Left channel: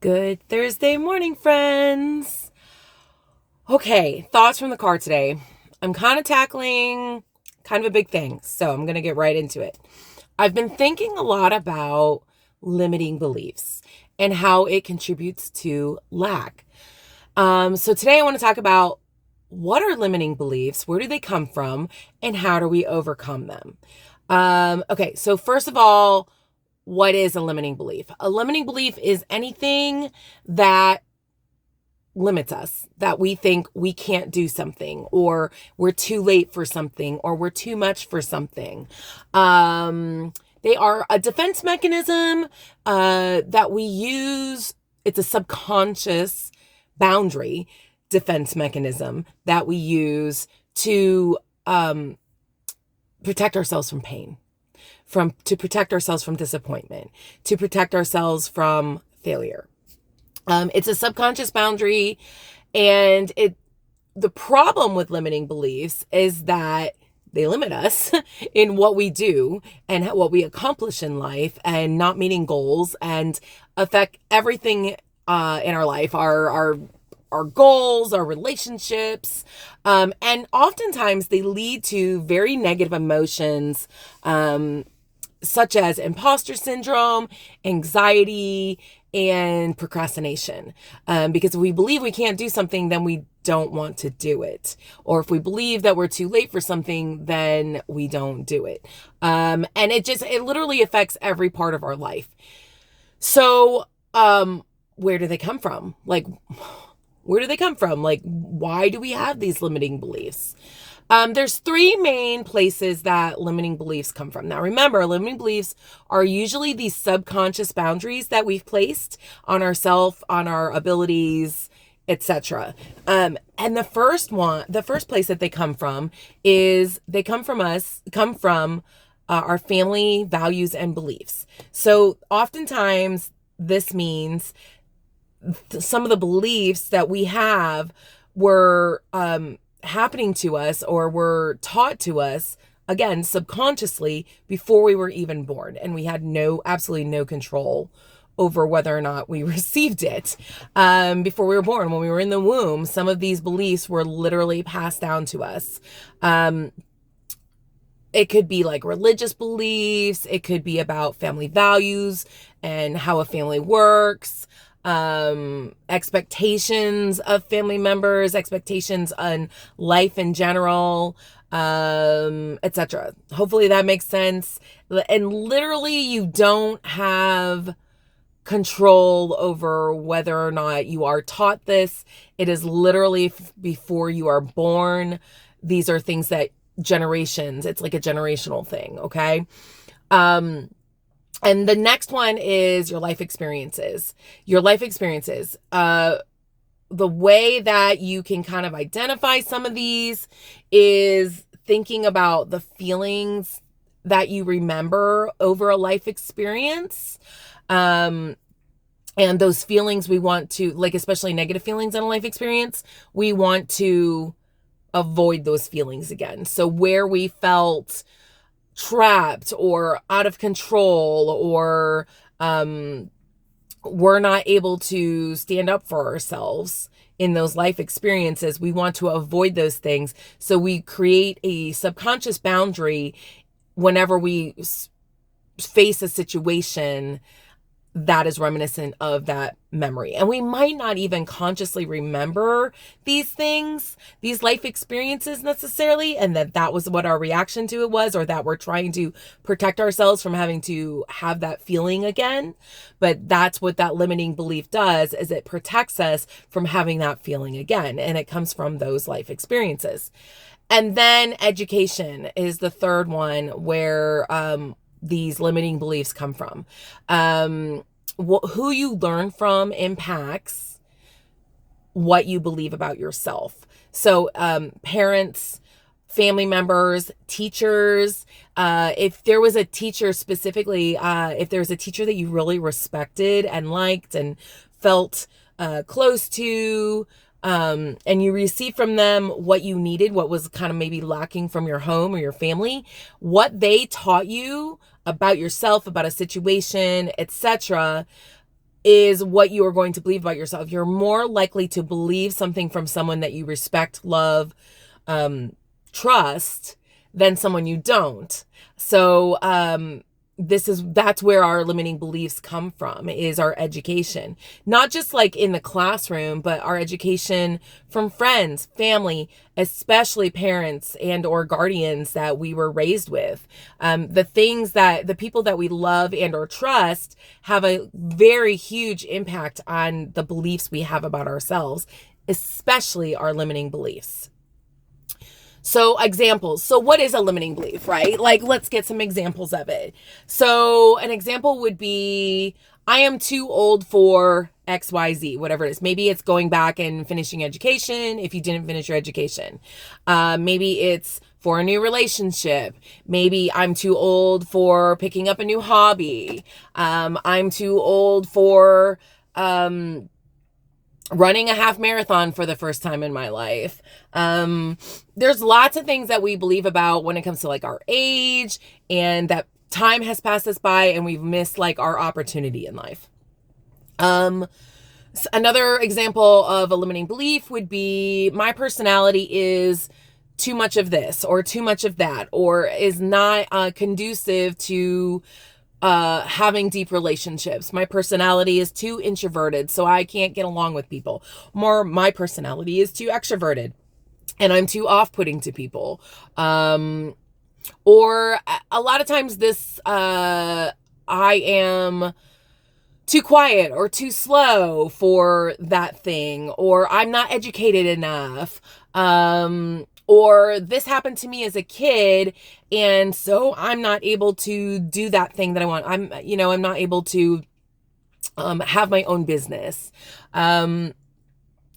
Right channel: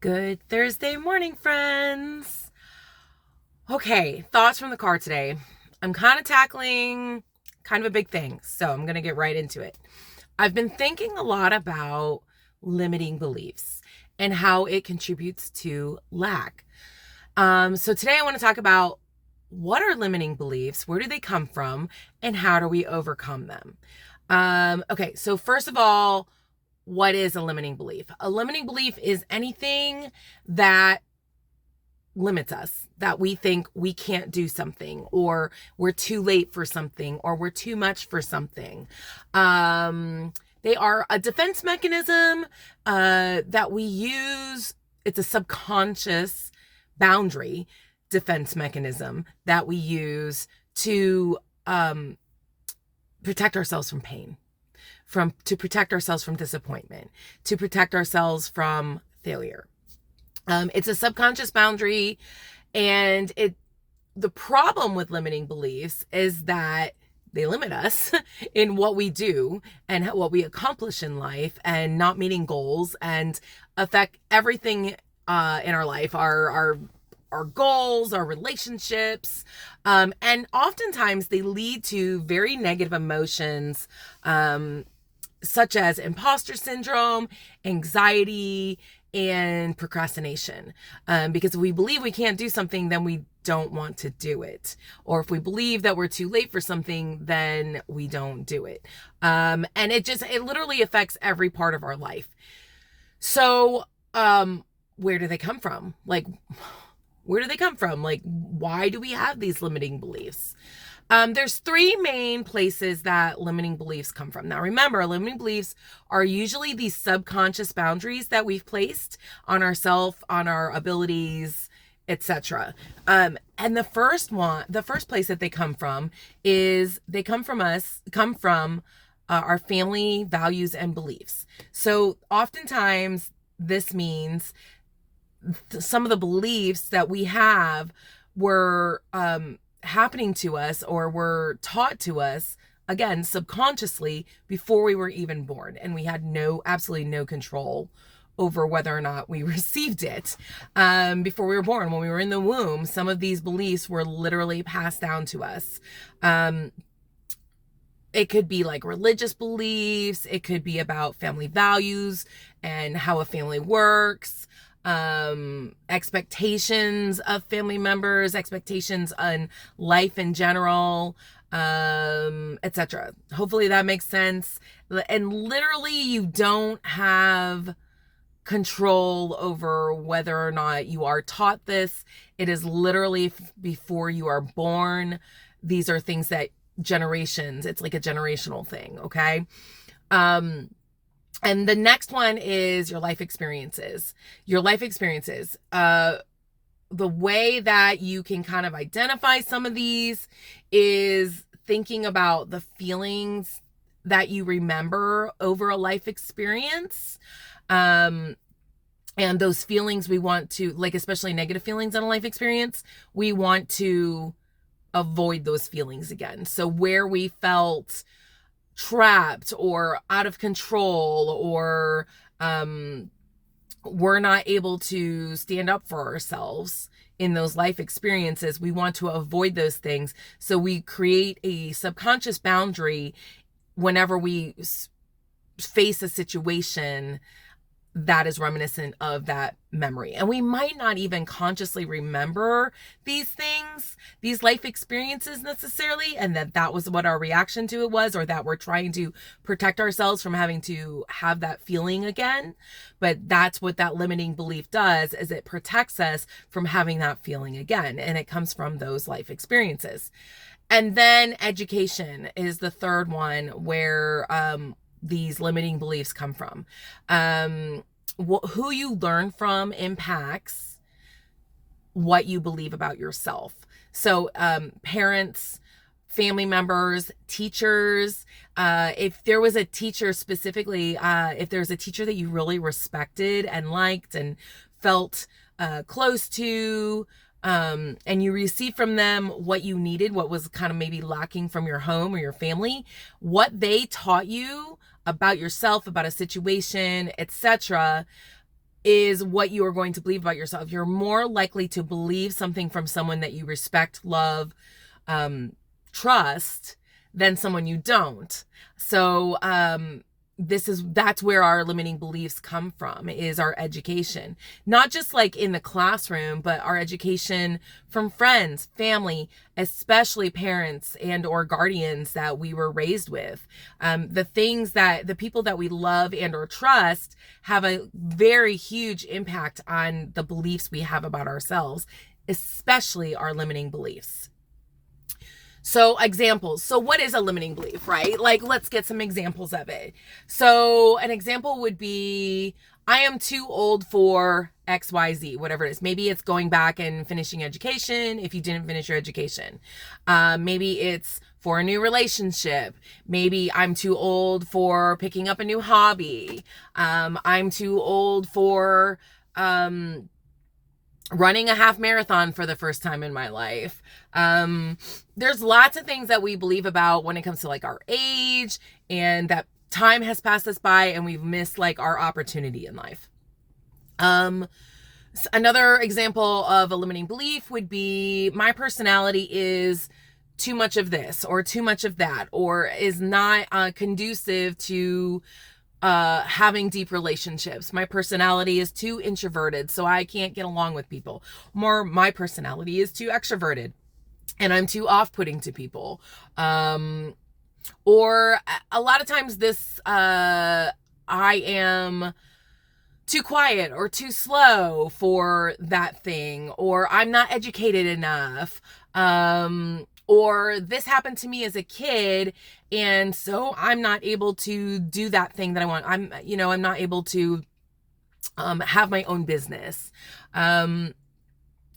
Good Thursday morning, friends. Okay, thoughts from the car today. I'm kind of tackling kind of a big thing, so I'm going to get right into it. I've been thinking a lot about limiting beliefs and how it contributes to lack. So today I want to talk about what are limiting beliefs, where do they come from, and how do we overcome them? Okay, so first of all, what is a limiting belief? A limiting belief is anything that limits us, that we think we can't do something, or we're too late for something, or we're too much for something. They are a defense mechanism that we use. It's a subconscious boundary defense mechanism that we use to protect ourselves from pain, to protect ourselves from disappointment, to protect ourselves from failure. It's a subconscious boundary, and the problem with limiting beliefs is that they limit us in what we do and what we accomplish in life, and not meeting goals, and affect everything in our life, our goals, our relationships, and oftentimes they lead to very negative emotions, such as imposter syndrome, anxiety, and procrastination. Because if we believe we can't do something, then we don't want to do it. Or if we believe that we're too late for something, then we don't do it. And it literally affects every part of our life. So, where do they come from? Where do they come from? Why do we have these limiting beliefs? There's three main places that limiting beliefs come from. Now, remember, limiting beliefs are usually these subconscious boundaries that we've placed on ourselves, on our abilities, etc. And the first place that they come from is our family values and beliefs. So oftentimes this means some of the beliefs that we have were happening to us, or were taught to us, again, subconsciously, before we were even born, and we had absolutely no control over whether or not we received it. Before we were born, when we were in the womb, some of these beliefs were literally passed down to us. It could be like religious beliefs, it could be about family values and how a family works, expectations of family members, expectations on life in general, etc. Hopefully that makes sense. And literally, you don't have control over whether or not you are taught this. It is literally before you are born. These are things that it's like a generational thing, okay? And the next one is your life experiences. Your life experiences. The way that you can kind of identify some of these is thinking about the feelings that you remember over a life experience. And those feelings we want to, especially negative feelings in a life experience, we want to avoid those feelings again. So where we felt trapped or out of control, or we're not able to stand up for ourselves in those life experiences, we want to avoid those things. So we create a subconscious boundary whenever we face a situation that is reminiscent of that memory. And we might not even consciously remember these things, these life experiences necessarily, and that was what our reaction to it was, or that we're trying to protect ourselves from having to have that feeling again. But that's what that limiting belief does, is it protects us from having that feeling again. And it comes from those life experiences. And then education is the third one where these limiting beliefs come from. Who you learn from impacts what you believe about yourself. So parents, family members, teachers, if there was a teacher specifically, if there's a teacher that you really respected and liked and felt close to, and you received from them what you needed, what was kind of maybe lacking from your home or your family, what they taught you about yourself, about a situation, etc., is what you are going to believe about yourself. You're more likely to believe something from someone that you respect, love, trust than someone you don't. So, that's where our limiting beliefs come from, is our education, not just like in the classroom, but our education from friends, family, especially parents and or guardians that we were raised with. The people that we love and or trust have a very huge impact on the beliefs we have about ourselves, especially our limiting beliefs. So examples. So what is a limiting belief, right? Like, let's get some examples of it. So an example would be, I am too old for XYZ, whatever it is. Maybe it's going back and finishing education if you didn't finish your education. Maybe it's for a new relationship. Maybe I'm too old for picking up a new hobby. I'm too old for running a half marathon for the first time in my life. There's lots of things that we believe about when it comes to like our age, and that time has passed us by and we've missed like our opportunity in life. Another example of a limiting belief would be, my personality is too much of this or too much of that, or is not conducive to having deep relationships. My personality is too introverted, so I can't get along with people. More, my personality is too extroverted and I'm too off-putting to people. Or a lot of times I am too quiet or too slow for that thing, or I'm not educated enough. Or this happened to me as a kid, and so I'm not able to do that thing that I want. I'm not able to have my own business.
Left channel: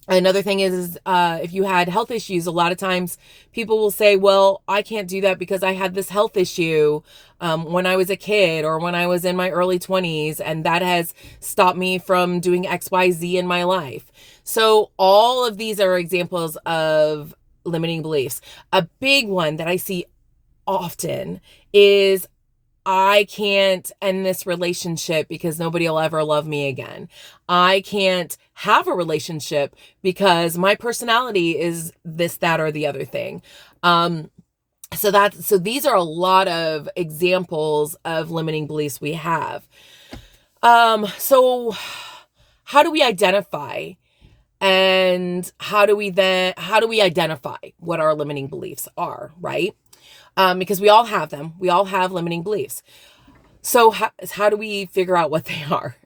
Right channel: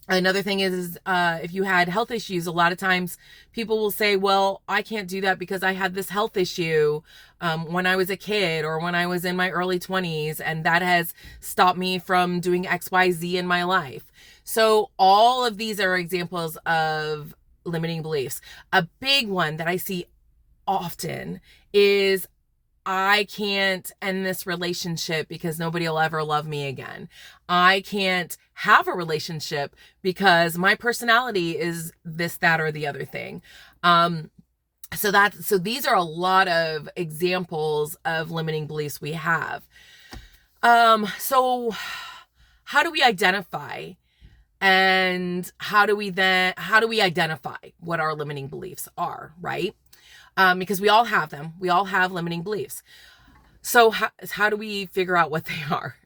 Another thing is, if you had health issues, a lot of times people will say, well, I can't do that because I had this health issue when I was a kid or when I was in my early 20s, and that has stopped me from doing XYZ in my life. So all of these are examples of limiting beliefs. A big one that I see often is, I can't end this relationship because nobody will ever love me again. I can't have a relationship because my personality is this, that, or the other thing. So these are a lot of examples of limiting beliefs we have. So how do we identify, and how do we identify what our limiting beliefs are, right? Because we all have them. We all have limiting beliefs. So how do we figure out what they are?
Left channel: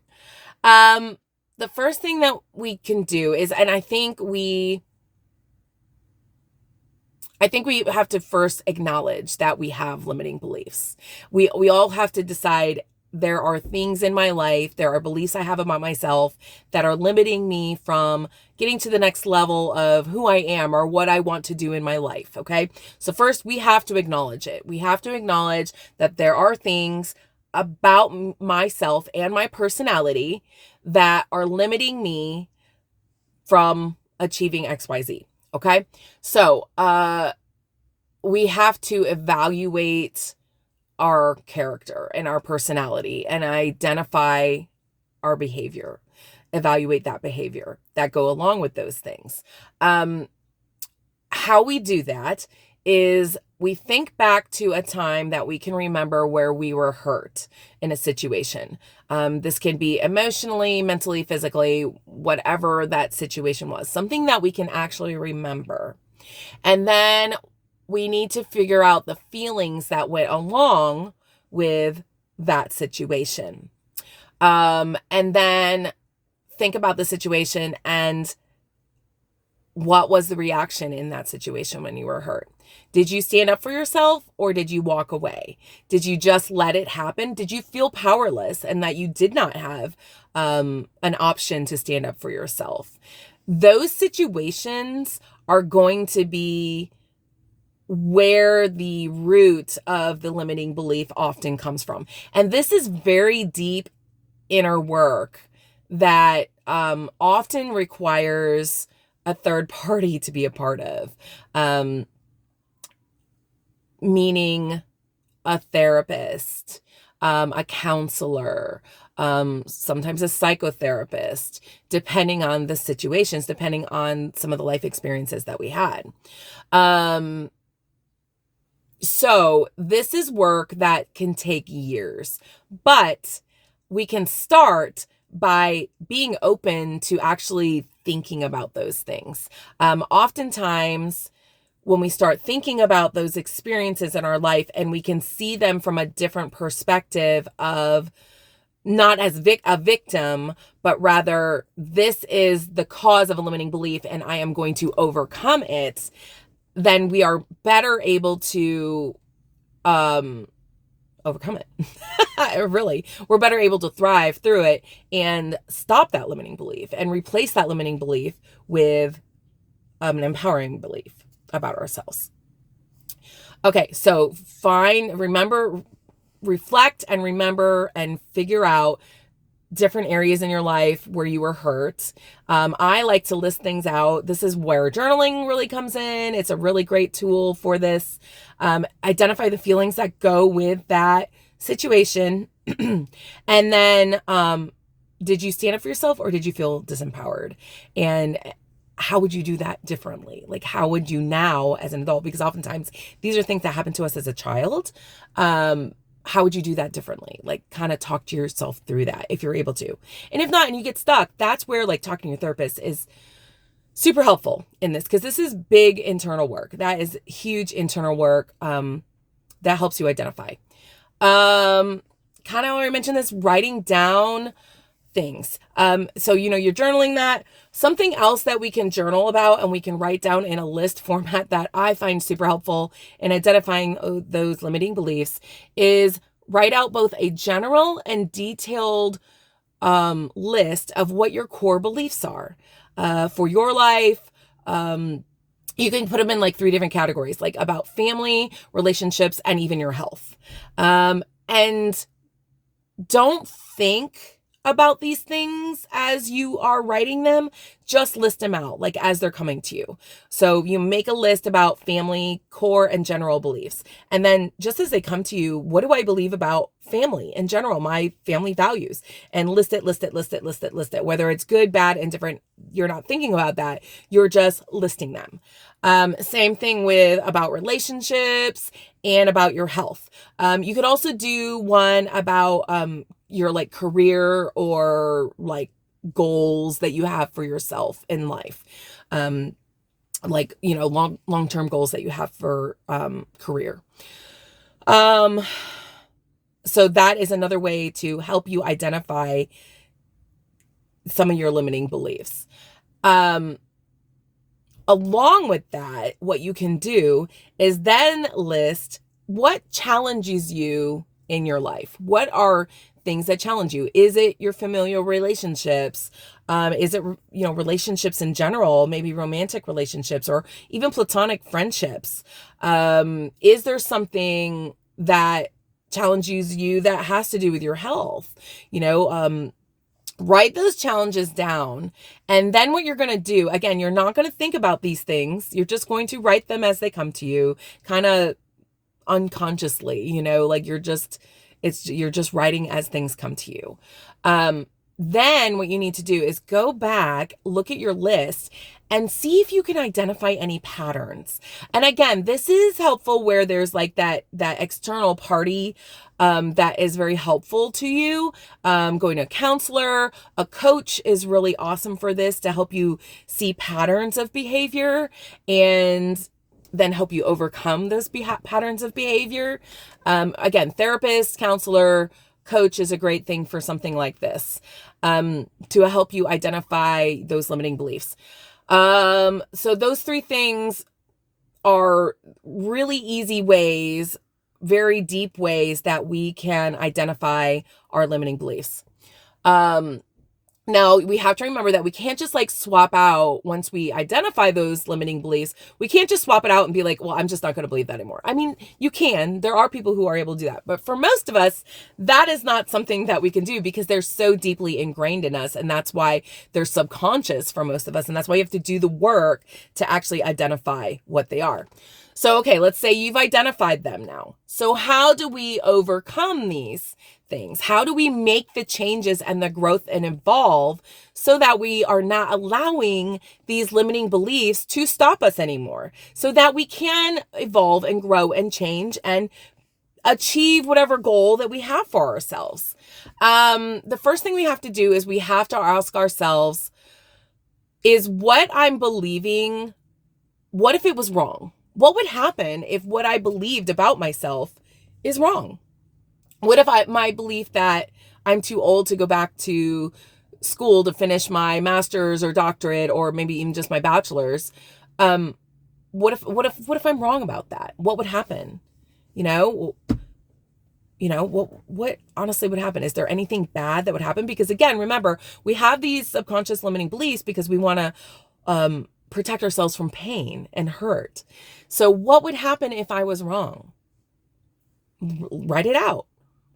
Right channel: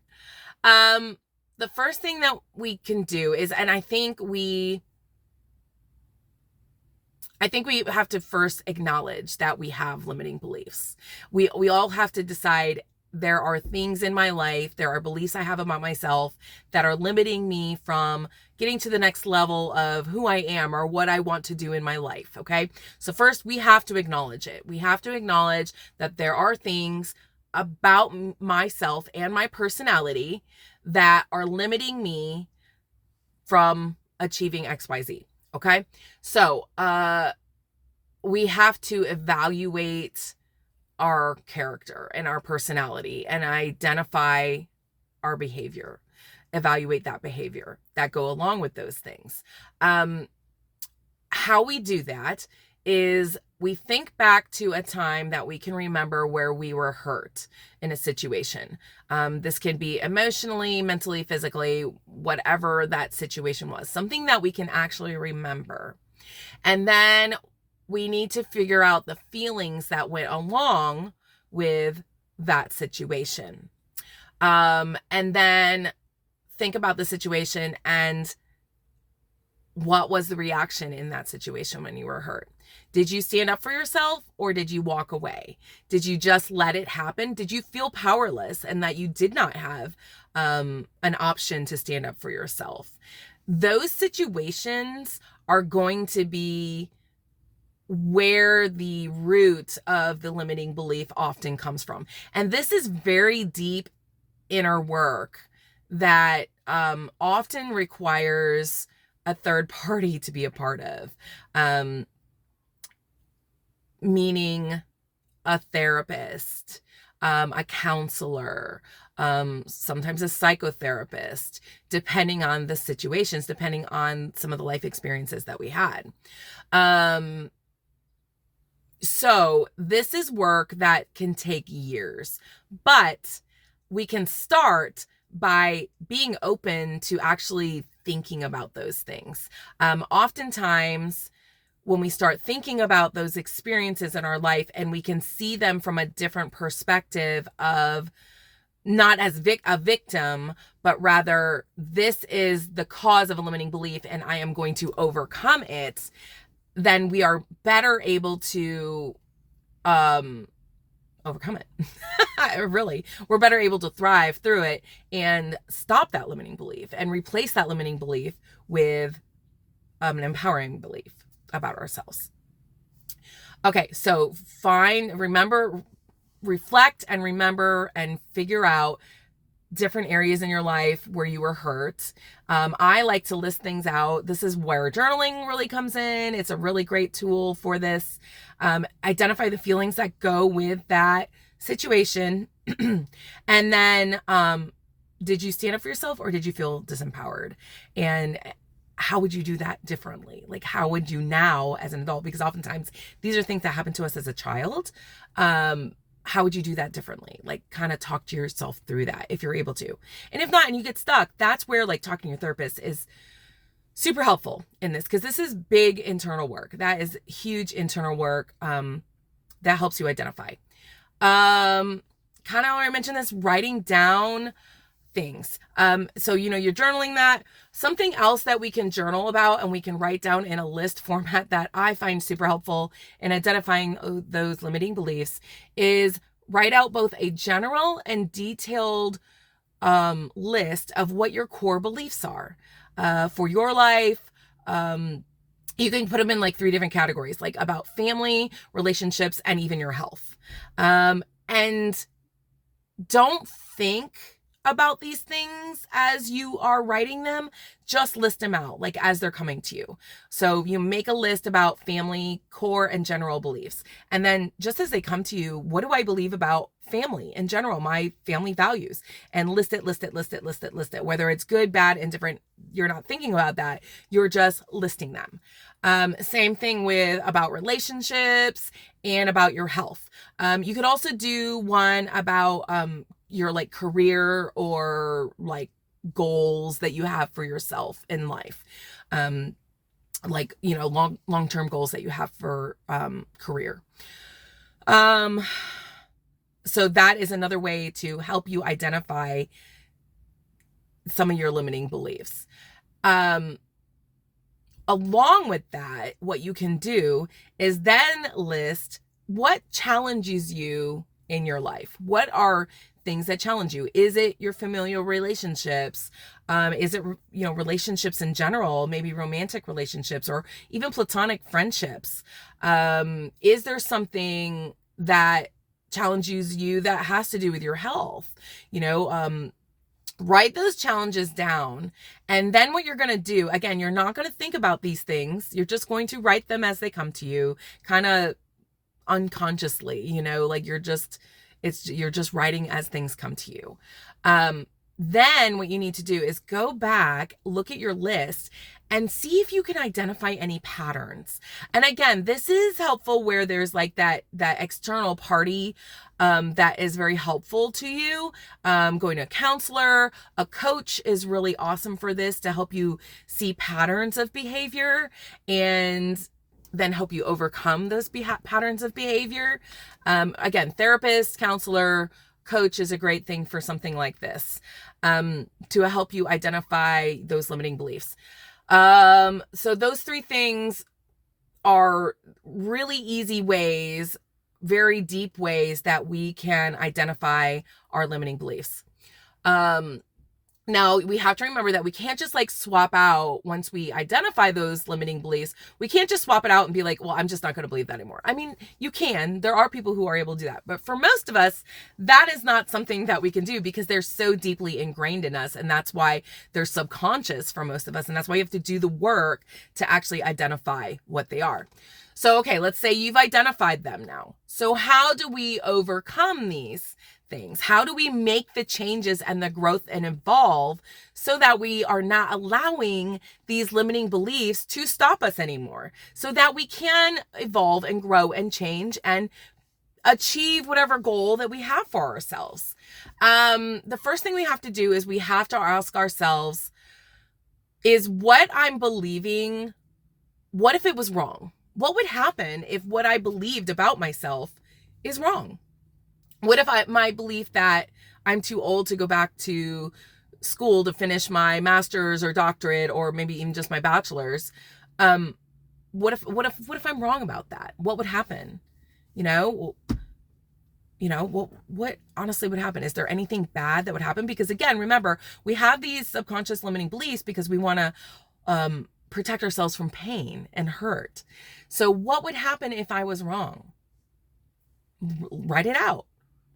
The first thing that we can do is, and I think we have to first acknowledge that we have limiting beliefs. We all have to decide, there are things in my life, there are beliefs I have about myself that are limiting me from getting to the next level of who I am or what I want to do in my life, okay? So first, we have to acknowledge it. We have to acknowledge that there are things about myself and my personality that are limiting me from achieving XYZ, okay? So, we have to evaluate our character and our personality and identify our behavior, evaluate that behavior that go along with those things. How we do that is we think back to a time that we can remember where we were hurt in a situation. This can be emotionally, mentally, physically, whatever that situation was, something that we can actually remember. And then we need to figure out the feelings that went along with that situation. And then think about the situation and what was the reaction in that situation when you were hurt. Did you stand up for yourself, or did you walk away? Did you just let it happen? Did you feel powerless and that you did not have an option to stand up for yourself? Those situations are going to be where the root of the limiting belief often comes from. And this is very deep inner work that often requires a third party to be a part of, meaning a therapist, a counselor, sometimes a psychotherapist, depending on the situations, depending on some of the life experiences that we had. So this is work that can take years, but we can start by being open to actually thinking about those things. Oftentimes, when we start thinking about those experiences in our life and we can see them from a different perspective of not as a victim, but rather this is the cause of a limiting belief and I am going to overcome it, then we are better able to overcome it. Really, we're better able to thrive through it and stop that limiting belief and replace that limiting belief with an empowering belief about ourselves. Okay, so reflect and remember and figure out different areas in your life where you were hurt. I like to list things out. This is where journaling really comes in. It's a really great tool for this. Identify the feelings that go with that situation. And then, did you stand up for yourself or did you feel disempowered? And how would you do that differently? Like, how would you now as an adult? Because oftentimes these are things that happened to us as a child. How would you do that differently? Like, kind of talk to yourself through that if you're able to. And if not, and you get stuck, that's where like talking to your therapist is super helpful in this, because this is big internal work. That is huge internal work that helps you identify. Kind of already mentioned this, writing down things. So, you're journaling that. Something else that we can journal about and we can write down in a list format that I find super helpful in identifying those limiting beliefs is write out both a general and detailed list of what your core beliefs are for your life. You can put them in like 3 different categories, like about family, relationships, and even your health. And don't think about these things as you are writing them, just list them out like as they're coming to you. So you make a list about family, core, and general beliefs. And then just as they come to you, what do I believe about family in general, my family values? And list it, whether it's good, bad, and different. You're not thinking about that. You're just listing them. Same thing with about relationships and about your health. You could also do one about your like career or like goals that you have for yourself in life. Like, long-term goals that you have for career. So that is another way to help you identify some of your limiting beliefs. Along with that, what you can do is then list what challenges you in your life. What are things that challenge you? Is it your familial relationships? Is it, relationships in general, maybe romantic relationships or even platonic friendships? Is there something that challenges you that has to do with your health? Write those challenges down. And then what you're going to do, again, you're not going to think about these things. You're just going to write them as they come to you, kind of unconsciously, like you're just writing as things come to you. Then what you need to do is go back, look at your list, and see if you can identify any patterns. And again, this is helpful where there's like that external party that is very helpful to you. Going to a counselor, a coach is really awesome for this to help you see patterns of behavior and then help you overcome those patterns of behavior. Again, therapist, counselor, coach is a great thing for something like this, to help you identify those limiting beliefs. So those 3 things are really easy ways, very deep ways that we can identify our limiting beliefs. Now we have to remember that we can't just like swap out once we identify those limiting beliefs. We can't just swap it out and be like, well, I'm just not going to believe that anymore. I mean, you can, there are people who are able to do that, but for most of us, that is not something that we can do because they're so deeply ingrained in us. And that's why they're subconscious for most of us. And that's why you have to do the work to actually identify what they are. So, okay, let's say you've identified them now. So how do we overcome these things? How do we make the changes and the growth and evolve so that we are not allowing these limiting beliefs to stop us anymore, so that we can evolve and grow and change and achieve whatever goal that we have for ourselves? The first thing we have to do is we have to ask ourselves, is what I'm believing, what if it was wrong? What would happen if what I believed about myself is wrong? What if my belief that I'm too old to go back to school to finish my master's or doctorate, or maybe even just my bachelor's? What if I'm wrong about that? What would happen? What honestly would happen? Is there anything bad that would happen? Because again, remember, we have these subconscious limiting beliefs because we want to protect ourselves from pain and hurt. So what would happen if I was wrong? Write it out.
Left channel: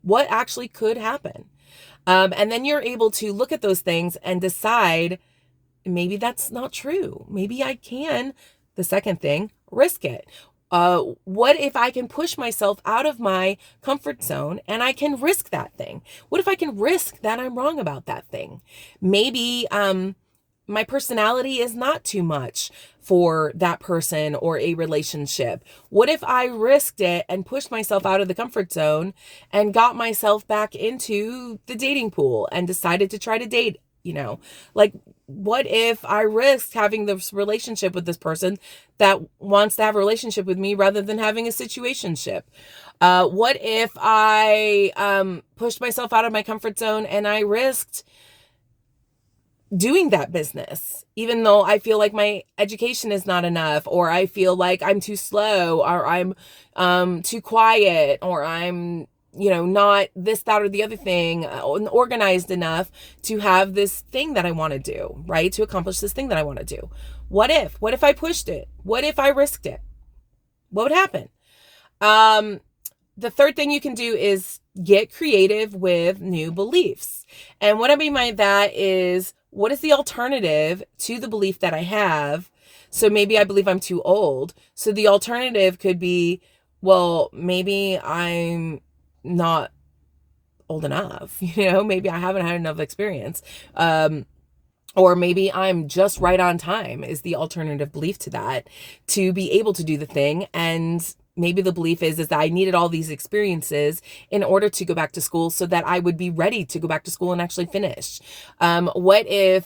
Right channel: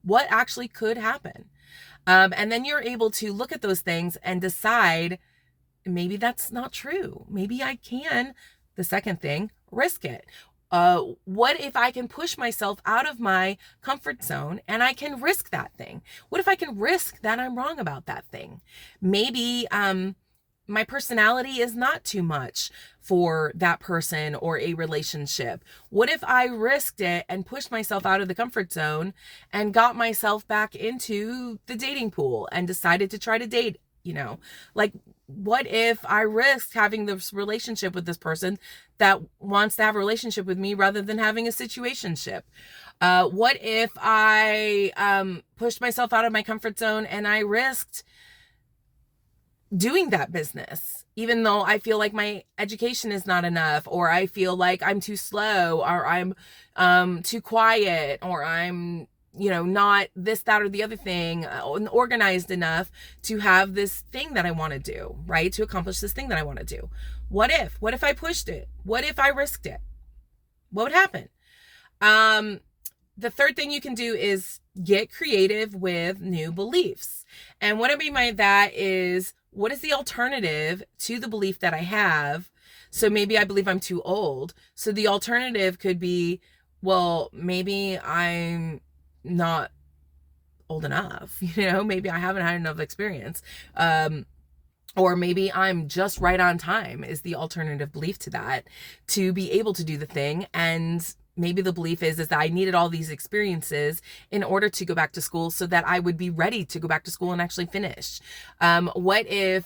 What actually could happen? And then you're able to look at those things and decide, maybe that's not true. Maybe I can, the second thing, risk it. What if I can push myself out of my comfort zone and I can risk that thing? What if I can risk that I'm wrong about that thing? Maybe my personality is not too much for that person or a relationship. What if I risked it and pushed myself out of the comfort zone and got myself back into the dating pool and decided to try to date? Like, what if I risked having this relationship with this person that wants to have a relationship with me rather than having a situationship? What if I pushed myself out of my comfort zone and I risked doing that business, even though I feel like my education is not enough, or I feel like I'm too slow, or I'm too quiet, or I'm not this, that, or the other thing, organized enough to have this thing that I want to do, right? To accomplish this thing that I want to do. What if I pushed it? What if I risked it? What would happen? The third thing you can do is get creative with new beliefs. And what I mean by that is, what is the alternative to the belief that I have? So maybe I believe I'm too old. So the alternative could be, well, maybe I'm not old enough, maybe I haven't had enough experience. Or maybe I'm just right on time is the alternative belief to that, to be able to do the thing. And maybe the belief is that I needed all these experiences in order to go back to school so that I would be ready to go back to school and actually finish. What if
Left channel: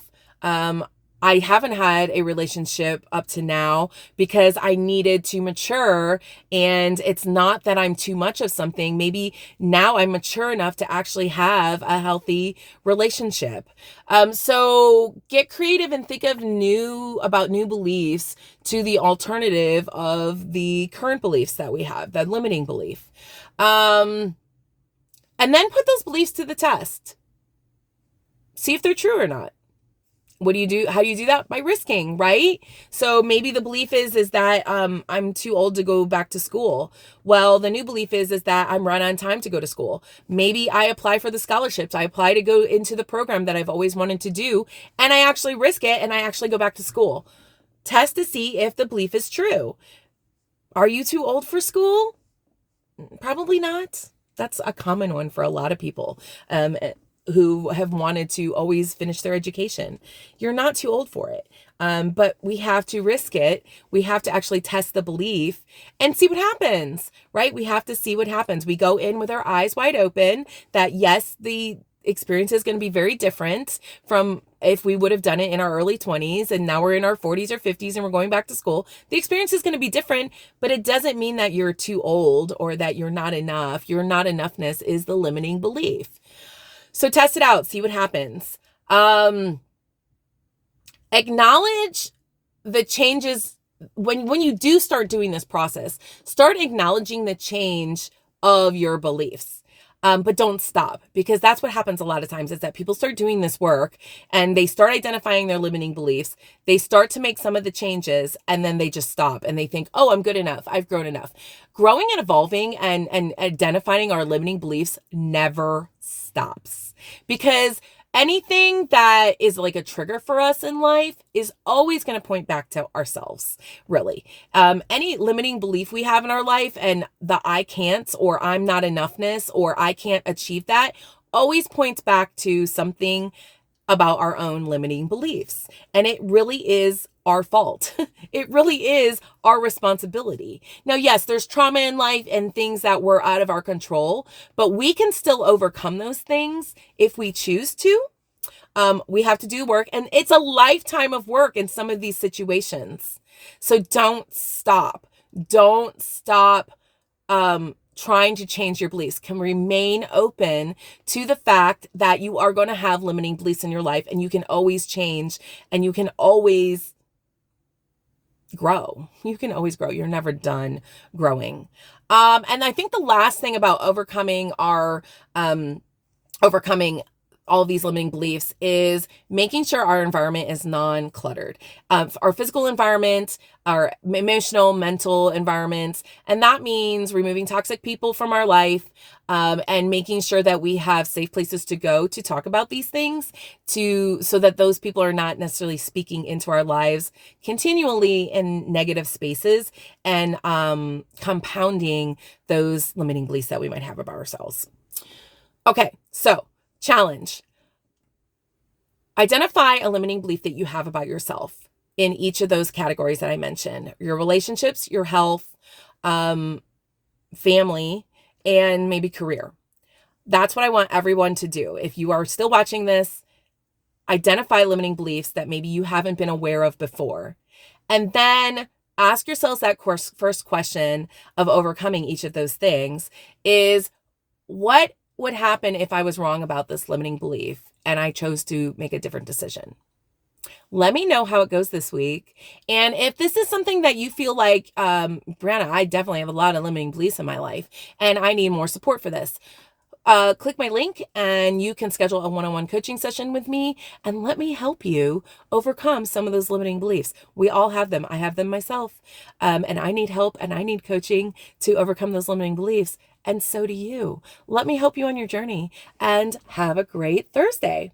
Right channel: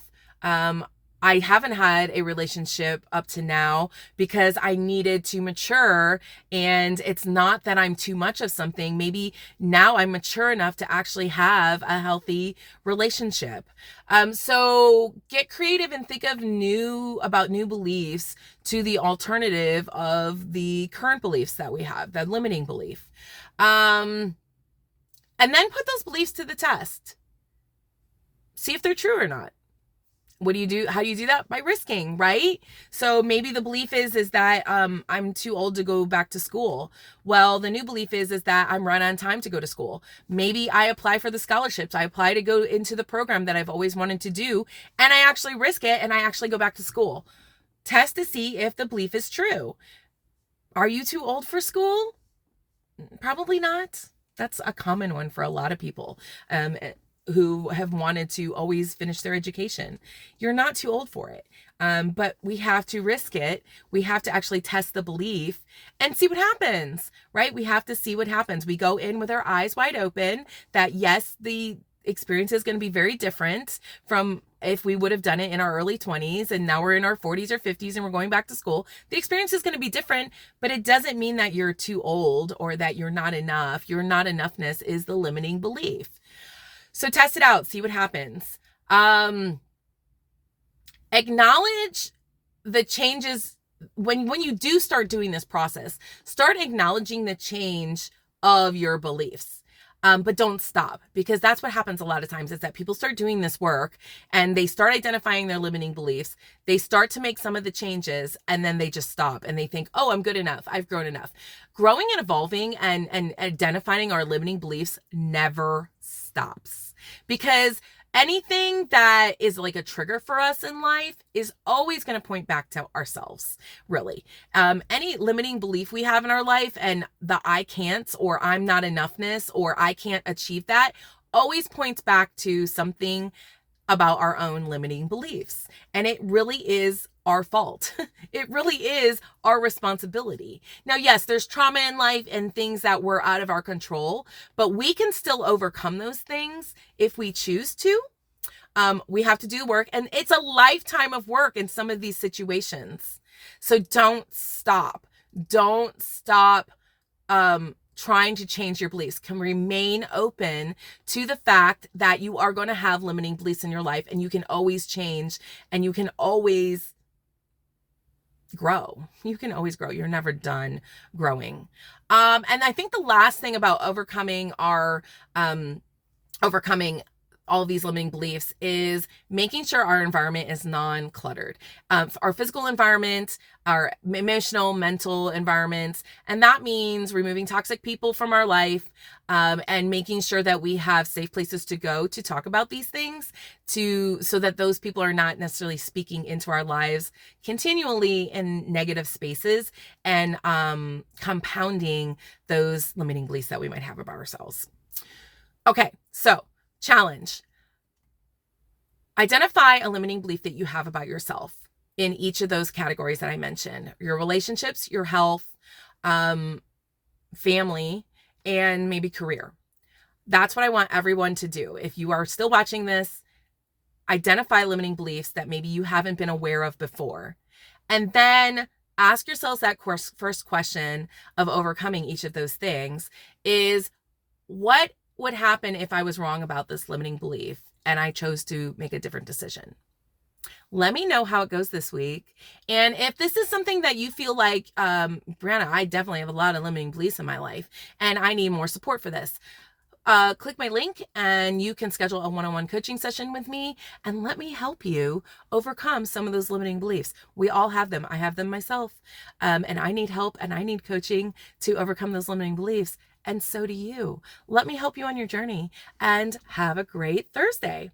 I haven't had a relationship up to now because I needed to mature, and it's not that I'm too much of something. Maybe now I'm mature enough to actually have a healthy relationship. So get creative and think of new beliefs to the alternative of the current beliefs that we have, that limiting belief. And then put those beliefs to the test. See if they're true or not. What do you do? How do you do that? By risking, right? So maybe the belief is that I'm too old to go back to school. Well, the new belief is that I'm right on time to go to school. Maybe I apply for the scholarships. I apply to go into the program that I've always wanted to do, and I actually risk it and I actually go back to school. Test to see if the belief is true. Are you too old for school? Probably not. That's a common one for a lot of people. Who have wanted to always finish their education. You're not too old for it. But we have to risk it. We have to actually test the belief and see what happens, right? We have to see what happens. We go in with our eyes wide open that yes, the experience is going to be very different from if we would have done it in our early 20s and now we're in our 40s or 50s and we're going back to school. The experience is going to be different, but it doesn't mean that you're too old or that you're not enough. Your not enoughness is the limiting belief. So test it out, see what happens. Acknowledge the changes. When you do start doing this process, start acknowledging the change of your beliefs. But don't stop, because that's what happens a lot of times is that people start doing this work and they start identifying their limiting beliefs. They start to make some of the changes and then they just stop and they think, oh, I'm good enough. I've grown enough. Growing and evolving and identifying our limiting beliefs never stops, because anything that is like a trigger for us in life is always going to point back to ourselves, really. Any limiting belief we have in our life and the I can't or I'm not enoughness or I can't achieve that always points back to something about our own limiting beliefs. And it really is our fault. It really is our responsibility. Now, yes, there's trauma in life and things that were out of our control, but we can still overcome those things if we choose to. We have to do work, and it's a lifetime of work in some of these situations. So don't stop. Don't stop trying to change your beliefs. Can remain open to the fact that you are going to have limiting beliefs in your life, and you can always change, and you can always grow. You can always grow. You're never done growing. And I think the last thing about overcoming all of these limiting beliefs is making sure our environment is non-cluttered. Our physical environment, our emotional, mental environments, and that means removing toxic people from our life, and making sure that we have safe places to go to talk about these things, so that those people are not necessarily speaking into our lives continually in negative spaces and compounding those limiting beliefs that we might have about ourselves. Okay, so challenge. Identify a limiting belief that you have about yourself in each of those categories that I mentioned: your relationships, your health, family, and maybe career. That's what I want everyone to do. If you are still watching this, identify limiting beliefs that maybe you haven't been aware of before. And then ask yourselves that first question of overcoming each of those things is, what would happen if I was wrong about this limiting belief and I chose to make a different decision? Let me know how it goes this week. And if this is something that you feel like, Brianna, I definitely have a lot of limiting beliefs in my life and I need more support for this, click my link and you can schedule a one-on-one coaching session with me and let me help you overcome some of those limiting beliefs. We all have them. I have them myself. And I need help and I need coaching to overcome those limiting beliefs. And so do you. Let me help you on your journey and have a great Thursday.